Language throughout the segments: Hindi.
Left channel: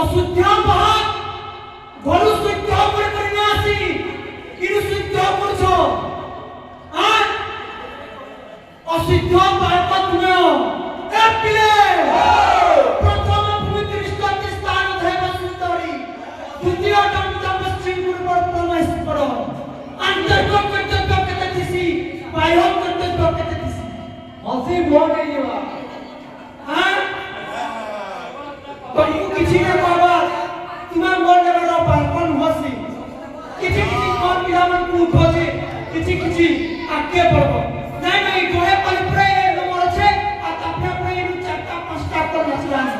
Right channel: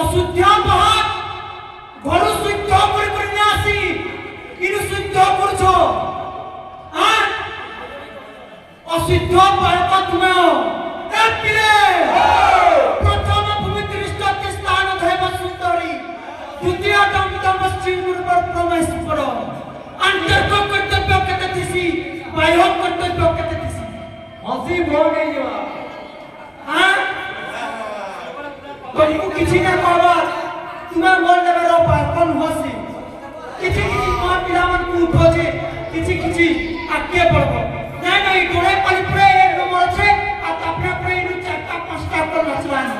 अशुद्ध बात घरु शुद्ध करने आसी इन शुद्ध करछो हां अशुद्ध बात तुम ए पिले प्रथम पवित्र स्थान थैब सुंदरी द्वितीय दम सिंगुर पर परमेश्वर अंतर्गत कर्तव्य कते थिसी बाह्य कर्तव्य कते थिसी हसी भो गई बा हां तुमको किसी ने कहा तुम्हें मोर लेबरो पापन हसी किसी मोर पिलामन को उठोजे किसी आगे पड़बो नहीं गोरे पर प्रे मोर छे आ अपने प्रे नु चारटा पांचटा कर नचवानी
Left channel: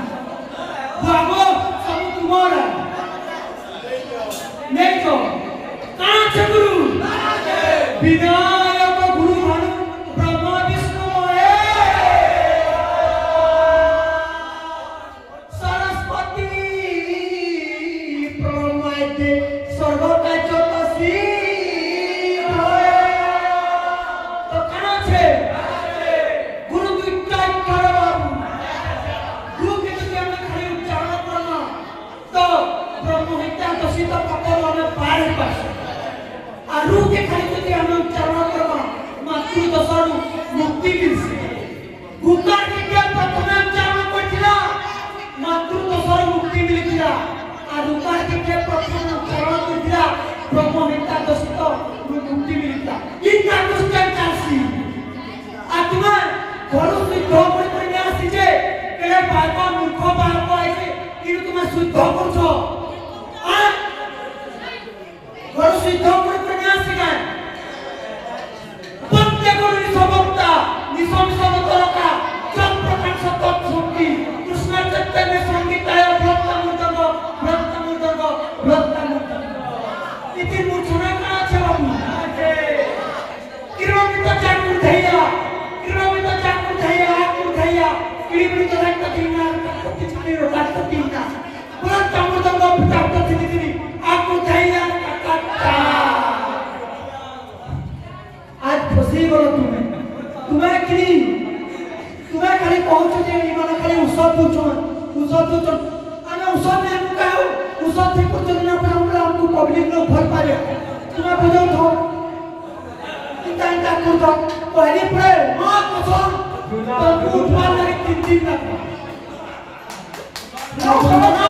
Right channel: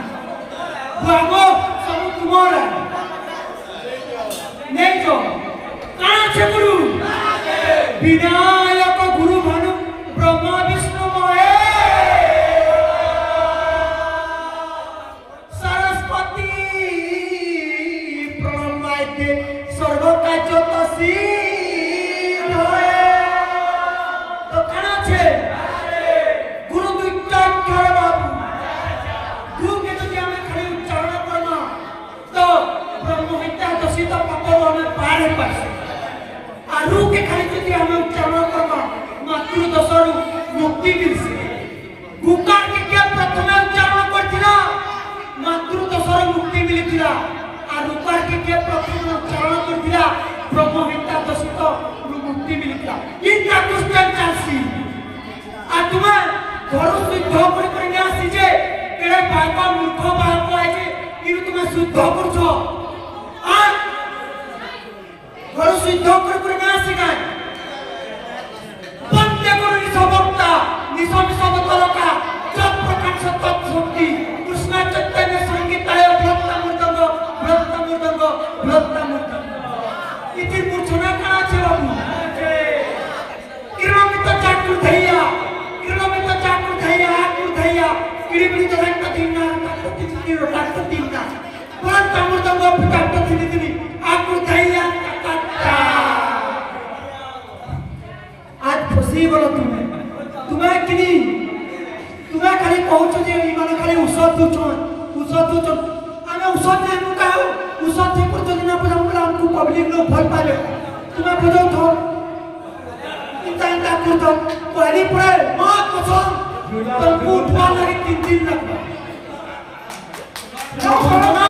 बाबो सब तुम्हारा नहीं तो कहां छे गुरु विनायक गुरु भानु ब्रह्मा विष्णु के खाली जति हम उच्चारण करबा मातृ दशरु मुक्ति मिलसे गुकार के क्या प्रथम उच्चारण करथिला मातृ दशरु मुक्ति मिलिथिला आ रुकार के क्या प्रथम उच्चारण करथिला ब्रह्महत्या दशित मुक्ति मिलिथिला इनका क्वेश्चन चासी आ तुमे घर शुद्ध करने आसी जे केड़े बाबा मूर्ख बाबा आइ जे इन तुमे शुद्ध करछो आ घर शुद्ध करने आसी गाय बंदे को निसबक्ता निसबतलका जब प्रकाश तत्व शक्ति कृष्ण चैतन्य संगीताय भ्रत मूर्धंग इति मूर्छना कणा छे बाबू किरणमित चाकुर धैया किरीमित रक्त दीना किछि रक्त दीना भ्रत मूर्धंग फटाफट थिनि आकुर धैया खुशी बोलो तुम्हें तुम्हें खाली पहुंच जे माने खाली औषध दूचो आमे औषध ने हमका औषध से कुछ दिन पर हमको पब्लिक लोग भर पाले तुम्हें बुझो तो चिंता कर दो पहली पड़े मां कसम तुमको उठवा लगे 3 दिन तक